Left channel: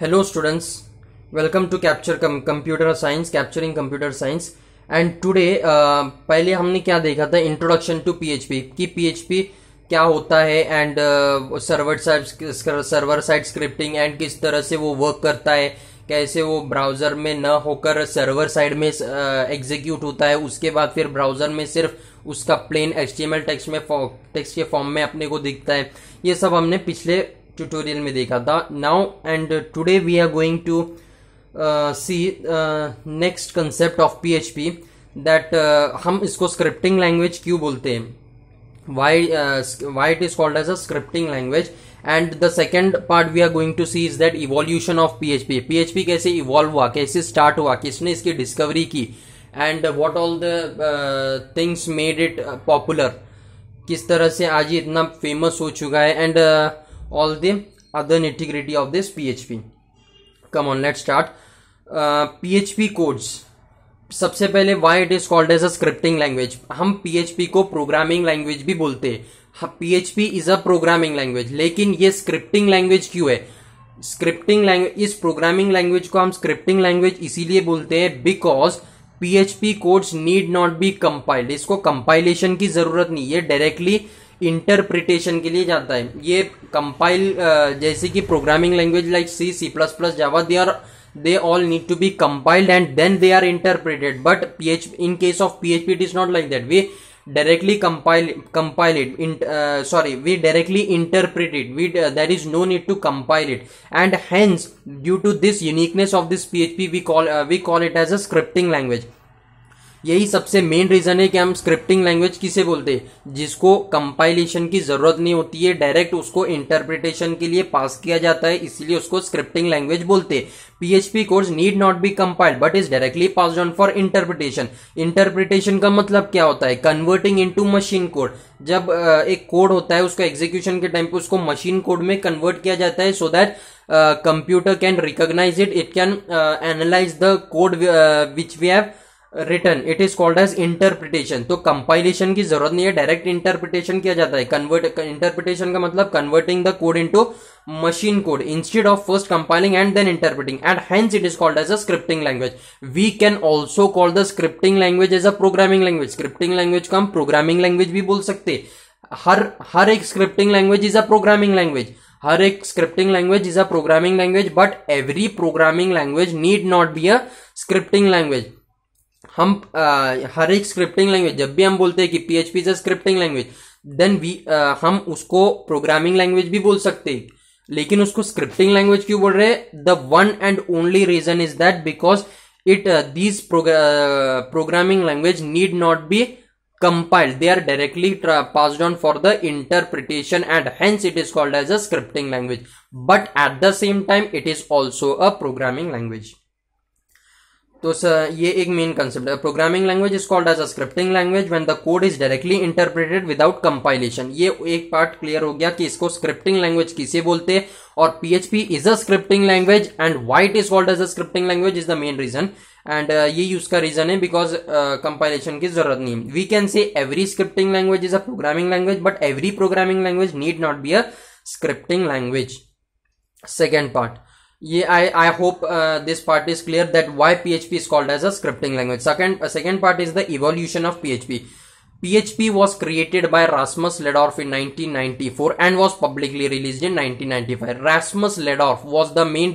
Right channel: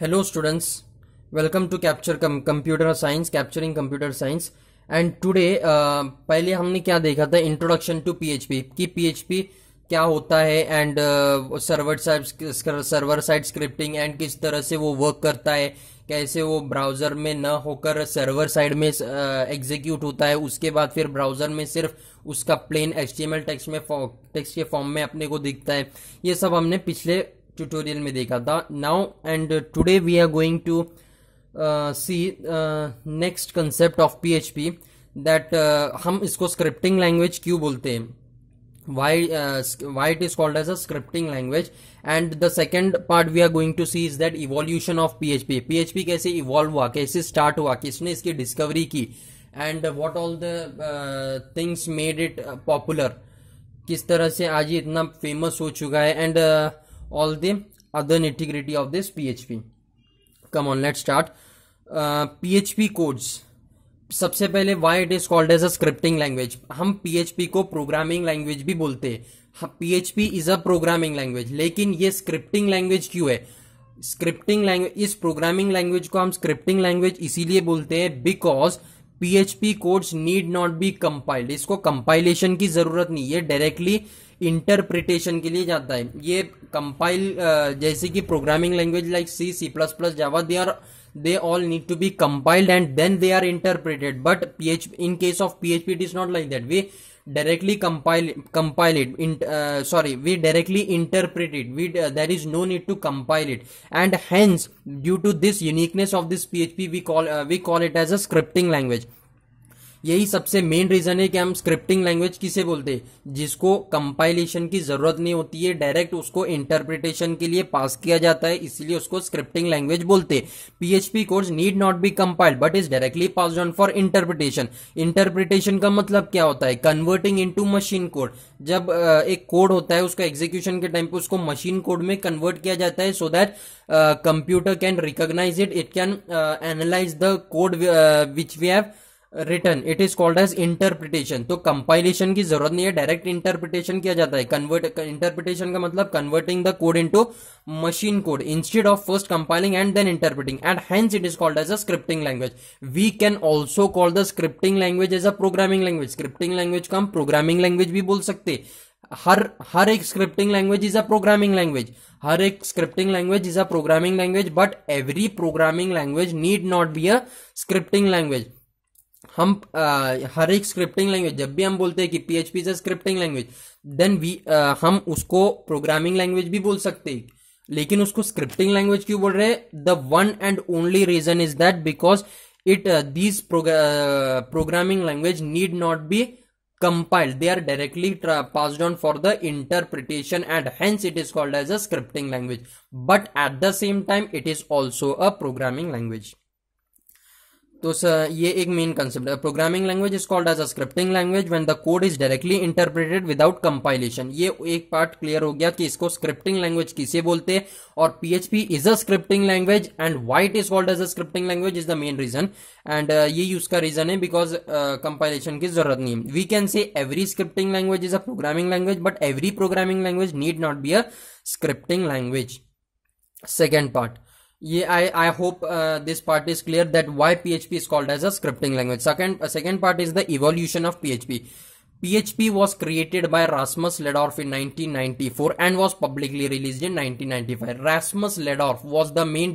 Hello students, welcome to Computer Science, Capturing Computer Science. And today पहले हमने क्या देखा था, इंट्रोडक्शन टू पीएचपी कि पीएचपी क्या होता है and server side scripting and किस तरह से वो वर्क करता है, कैसे वो ब्राउजर में न होकर सर्वर साइड में एग्जीक्यूट होता है, उसके बाद फिर ब्राउजर में सिर्फ उसका प्लेन एचटीएमएल टेक्स्ट के फॉर्म में अपने को दिखता है। ये सब हमने पिछले ट्यूटोरियल में देखा था। Now and today we are going to see next concept of PHP that हम इसको स्क्रिप्टिंग लैंग्वेज क्यों बोलते हैं, why it is called as a scripting language. And the second part we are going to see is that evolution of PHP कैसे evolve हुआ, कैसे start हुआ, किसने इसकी डिस्कवरी की, and what all the things made it popular, किस तरह से आज ये इतना फेमस हो चुका है, and all the other nitty-gritty of this PHP. Come on, let's start. PHP codes. सबसे पहले why it is called as a scripting language. हम पीएचपी को प्रोग्रामिंग लैंग्वेज भी बोलते हैं. PHP is a programming language, लेकिन ये स्क्रिप्टिंग लैंग्वेज क्यों है? स्क्रिप्टिंग लैंग्वेज, इस प्रोग्रामिंग लैंग्वेज को हम स्क्रिप्टिंग लैंग्वेज इसीलिए बोलते हैं because PHP codes need not be compiled. इसको कंपाइलेशन की जरूरत नहीं, ये डायरेक्टली इंटरप्रिटेशन के लिए जाता है. ये कंपाइल जैसे कि programming language like C++, Java, they all need to be compiled and then they are interpreted, but in case of PHP it is not like that. We directly compile it we directly interpret it. There is no need to compile it, and hence due to this uniqueness of this PHP we call it as a scripting language. यही सबसे main reason है कि हम scripting language किसे बोलते हैं, जिसको compilation की जरूरत नहीं होती है, डायरेक्ट उसको इंटरप्रिटेशन के लिए पास किया जाता है, इसीलिए उसको स्क्रिप्टिंग लैंग्वेज बोलते हैं. PHP codes need not be compiled but is directly passed on for interpretation. Interpretation का मतलब क्या होता है? Converting into machine code. जब एक कोड होता है, उसको एग्जीक्यूशन के टाइम पे उसको मशीन कोड में कन्वर्ट किया जाता है so that computer can recognize it can analyze the code which we have return. It is called as interpretation. तो कंपाइलेशन की जरूरत नहीं है, डायरेक्ट इंटरप्रिटेशन किया जाता है. इंटरप्रिटेशन का मतलब converting the code into machine code instead of first compiling and then interpreting, and hence it is called as a scripting language. We can also call the scripting language as a programming language. Scripting language को हम programming language भी बोल सकते. हर एक scripting language is a programming language. हर एक scripting language is a programming language, but every programming language need not be a scripting language. हम हर एक स्क्रिप्टिंग लैंग्वेज, जब भी हम बोलते हैं कि PHP is a scripting language, then हम उसको प्रोग्रामिंग लैंग्वेज भी बोल सकते हैं. लेकिन उसको स्क्रिप्टिंग लैंग्वेज क्यों बोल रहे हैं? The one and only reason is that because these programming language need not be compiled. They are directly passed on for the interpretation, and hence it is called as a scripting language. But at the same time it is also a programming language. तो ये एक main concept है. Programming language is called as a scripting language when the code is directly interpreted without compilation. ये एक part clear हो गया कि इसको स्क्रिप्टिंग लैंग्वेज किसे बोलते हैं, और PHP is a scripting language, and why it is called as a scripting language is the main reason. And ये उसका रीजन है बिकॉज कंपाइलेशन की जरूरत नहीं. We can say every scripting language is a programming language, but every programming language need not be a scripting language. Second part, I hope this part is clear that why PHP is called as a scripting language. Second part is the evolution of PHP. PHP was created by Rasmus Ledorf in 1994 and was publicly released in 1995. Rasmus Ledorf was the main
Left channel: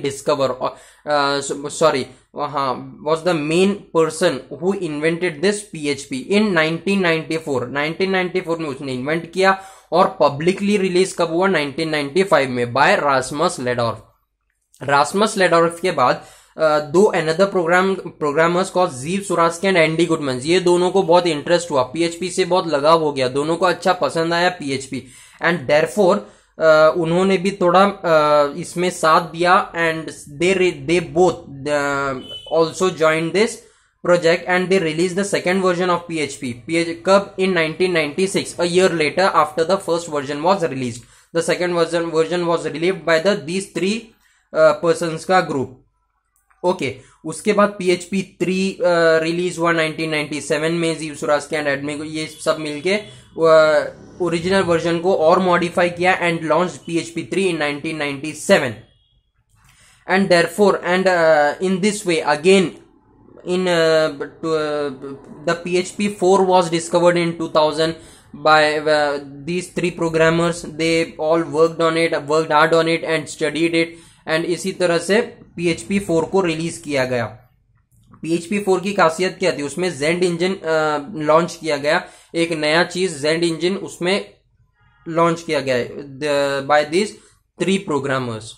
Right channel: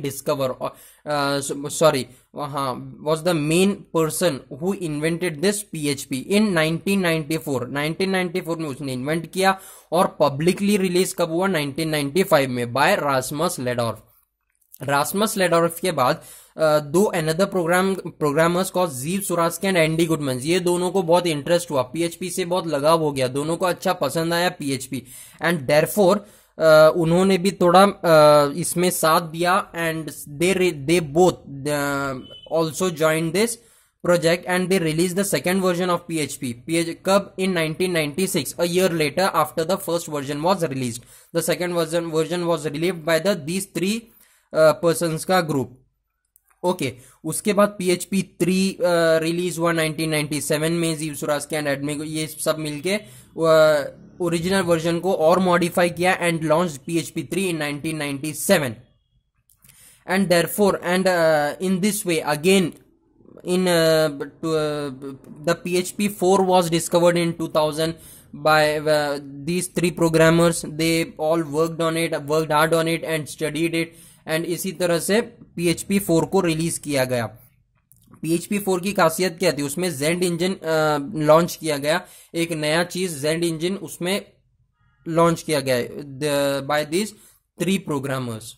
was the main person who invented this PHP in 1994. 1994 में उसने invent किया और publicly release कब हुआ? 1995 में, by Rasmus Lerdorf. Rasmus Lerdorf के बाद दो another programmers called Zeev Suraski and Andi Gutmans. ये दोनों को बहुत इंटरेस्ट हुआ, पीएचपी से बहुत लगाव हो गया, दोनों को अच्छा पसंद आया पीएचपी, एंड देयरफॉर उन्होंने भी थोड़ा इसमें साथ दिया, and they both also joined this project and they released the second version of PHP. कब? In 1996, a year later after the first version was released. The second version was released by these three persons का group. Okay, उसके बाद PHP 3 release हुआ 1997 में. ज़ीव Suraski and admin ये सब मिलके original version को और मॉडिफाई किया and launch PHP 3 in 1997. and therefore in this way again in the PHP 4 was discovered in 2000 by these three programmers. They all worked hard on it and studied it, and इसी तरह से PHP 4 को release किया गया. PHP 4 की खासियत क्या थी? उसमें जेंड इंजन लॉन्च किया गया, एक नया चीज जेंड इंजन उसमें लॉन्च किया गया बाय दिस थ्री प्रोग्रामर्स.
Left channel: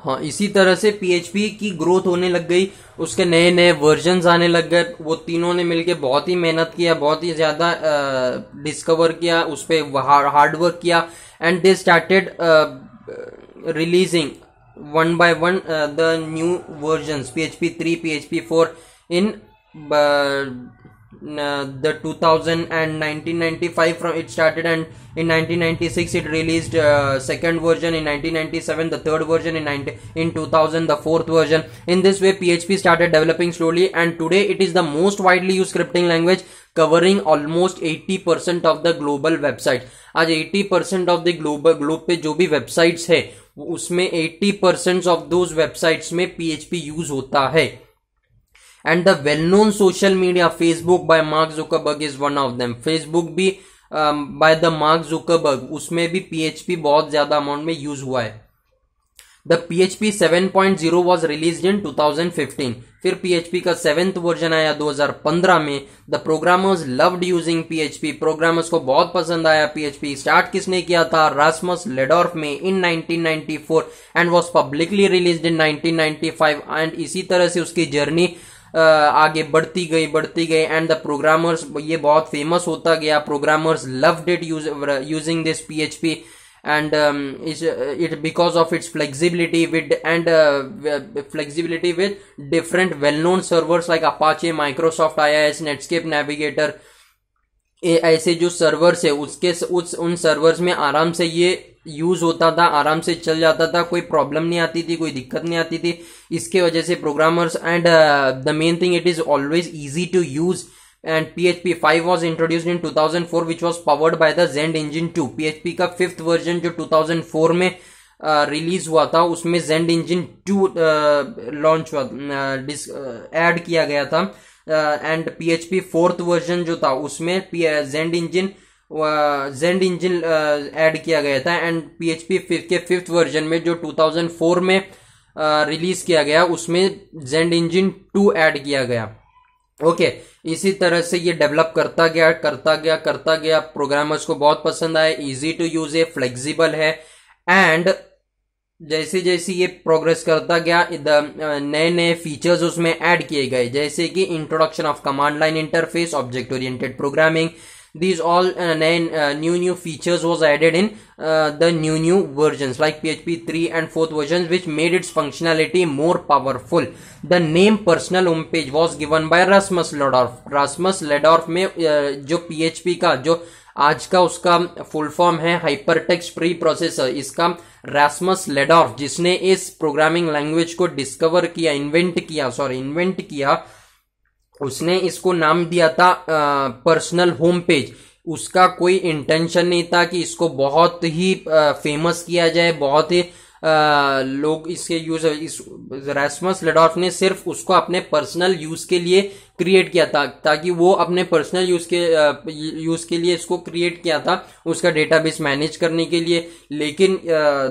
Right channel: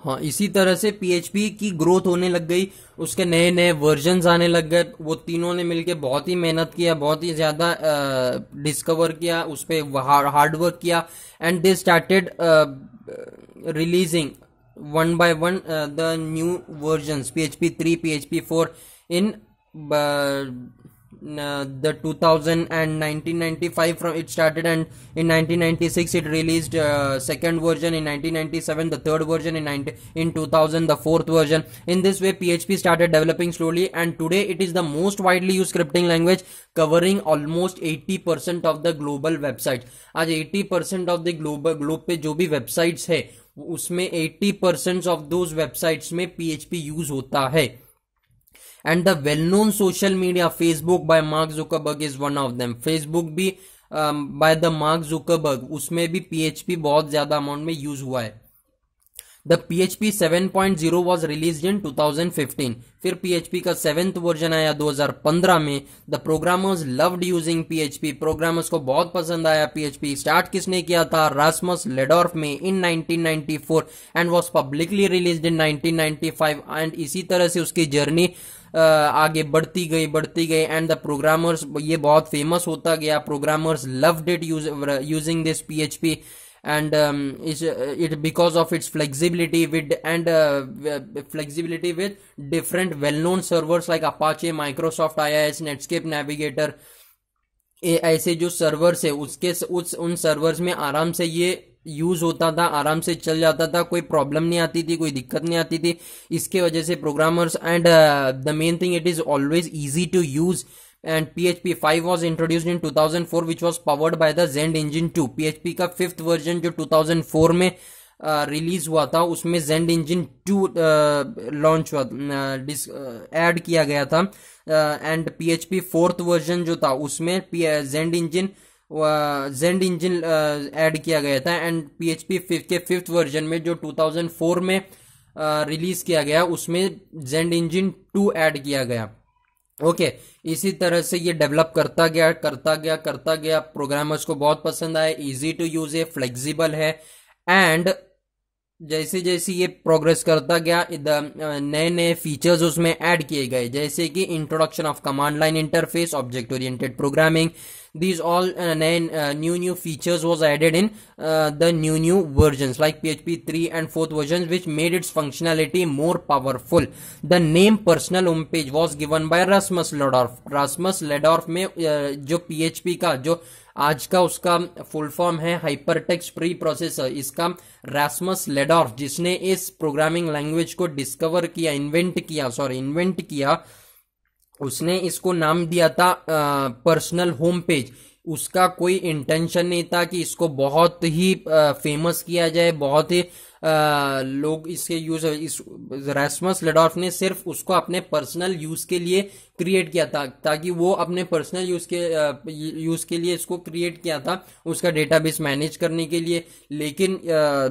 हाँ, इसी तरह से PHP की ग्रोथ होने लग गई, उसके नए नए वर्जन्स आने लग गए. वो तीनों ने मिलके बहुत ही मेहनत किया, बहुत ही ज्यादा डिस्कवर किया, उस पर हार्ड वर्क किया, and they started releasing one by one the new versions PHP 3, PHP 4 in the 2000 and 1995 from it started, and in 1996 it released second version, in 1997 the third version, in 2000 the fourth version. In this way PHP started developing slowly, and today it is the most widely used scripting language, covering almost 80% of the global websites. आज 80% of the globe पे जो भी websites है उसमें 80% of those websites में PHP use होता है. And the well known social media Facebook bye mark Zuckerberg is one of them. Facebook भी बाय द मार्क जुकरबर्ग, उसमें भी PHP बहुत ज्यादा अमाउंट में यूज हुआ है. द PHP 7.0 वॉज रिलीज इन 2015. फिर PHP का 7th वर्जन आया 2015 में. The programmers loved using PHP. Programmers को बहुत पसंद आया PHP. स्टार्ट किसने किया था? रास्मस लेडॉर्फ में इन 1994 and was publicly released in 1995. And इसी तरह से उसकी जर्नी आगे बढ़ती गई एंड द प्रोग्रामर्स, ये बहुत फेमस होता गया. Programmers loved it using this PHP, and it because of its flexibility with different well-known servers like Apache, Microsoft IIS, Netscape Navigator. ऐसे जो सर्वर्स है उन सर्वर्स में आराम से ये यूज होता था, आराम से चल जाता था, कोई प्रॉब्लम नहीं आती थी, कोई दिक्कत नहीं आती थी. इसके वजह से programmers and the main thing it is always easy to use. And PHP 5 was introduced in 2004 which was powered by the Zend Engine 2. PHP का 5th version जो 2004 में रिलीज हुआ था उसमें Zend Engine 2 लॉन्च हुआ, ऐड किया गया था. एंड PHP 4th version जो था उसमें Zend Engine ऐड किया गया था. एंड PHP के 5th version में जो 2004 में रिलीज किया गया उसमें Zend Engine 2 ऐड किया गया. ओके, इसी तरह से ये डेवलप करता गया. प्रोग्रामर्स को बहुत पसंद आया, इजी टू यूज है, फ्लेक्सिबल है. एंड जैसे जैसे ये प्रोग्रेस करता गया नए नए फीचर्स उसमें ऐड किए गए, जैसे कि introduction of command line interface, object oriented programming. These all new features was added in the new versions like PHP 3 and 4th versions, which made its functionality more powerful. The name personal homepage was given by Rasmus Ledorf. Rasmus Ledorf में जो PHP का जो आज का उसका full form है hypertext pre processor, इसका Rasmus लेडॉर्फ जिसने इस प्रोग्रामिंग लैंग्वेज को डिस्कवर किया, इन्वेंट किया, उसने इसको नाम दिया था पर्सनल होम पेज. उसका कोई इंटेंशन नहीं था कि इसको बहुत ही फेमस किया जाए, बहुत ही लोग इसके यूज. रास्मस लेडॉर्फ ने सिर्फ उसको अपने पर्सनल यूज के लिए क्रिएट किया था, ताकि वो अपने पर्सनल यूज के लिए इसको क्रिएट किया था, उसका डेटाबेस मैनेज करने के लिए. लेकिन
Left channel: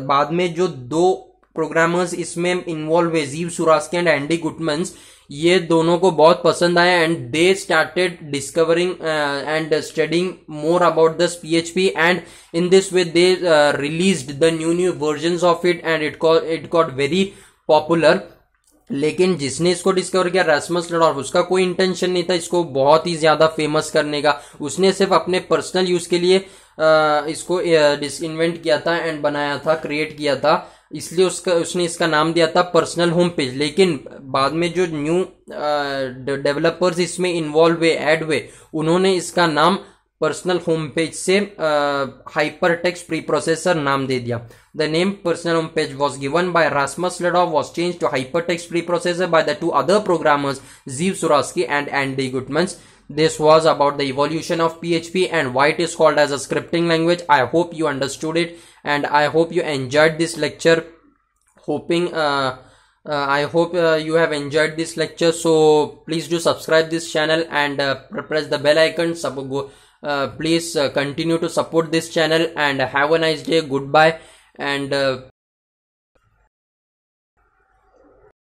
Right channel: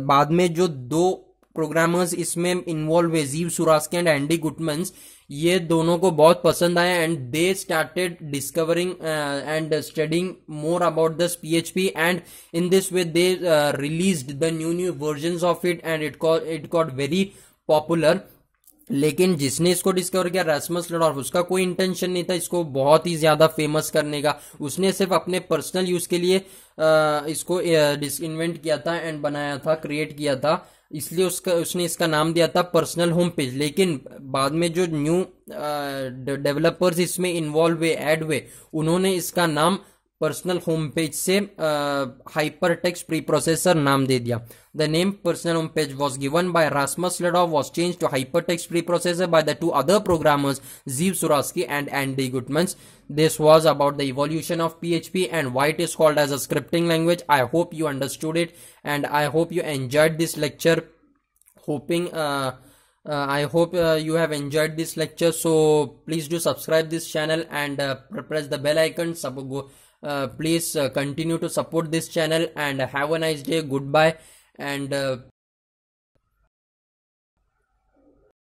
बाद में जो दो प्रोग्रामर्स इसमें इन्वॉल्व हुए, जीव सुरास्की एंड एंडी गुटमन्स, ये दोनों को बहुत पसंद आया and they started discovering and studying more about this PHP, and in this way they released the new versions of it and it got very popular. लेकिन जिसने इसको डिस्कवर किया रास्मस लेडॉर्फ, उसका कोई इंटेंशन नहीं था इसको बहुत ही ज्यादा फेमस करने का. उसने सिर्फ अपने पर्सनल यूज के लिए इसको इन्वेंट किया था एंड बनाया था, क्रिएट किया था, इसलिए उसने इसका नाम दिया था पर्सनल होम पेज. लेकिन बाद में जो न्यू डेवलपर्स इसमें इन्वॉल्व हुए, ऐड हुए, उन्होंने इसका नाम पर्सनल होम पेज से हाइपरटेक्स्ट प्री प्रोसेसर नाम दे दिया. The name personal home page was given by Rasmus Lerdorf was change to hypertext preprocessor by the 2 other programmers, जीव सुरास्की and Andy Gutmans. This was about the evolution of PHP and why it is called as a scripting language. I hope you understood it and I hope you enjoyed this lecture. hoping I hope you have enjoyed this lecture. So please do subscribe this channel and press the bell icon. Please continue to support this channel and have a nice day. Goodbye. And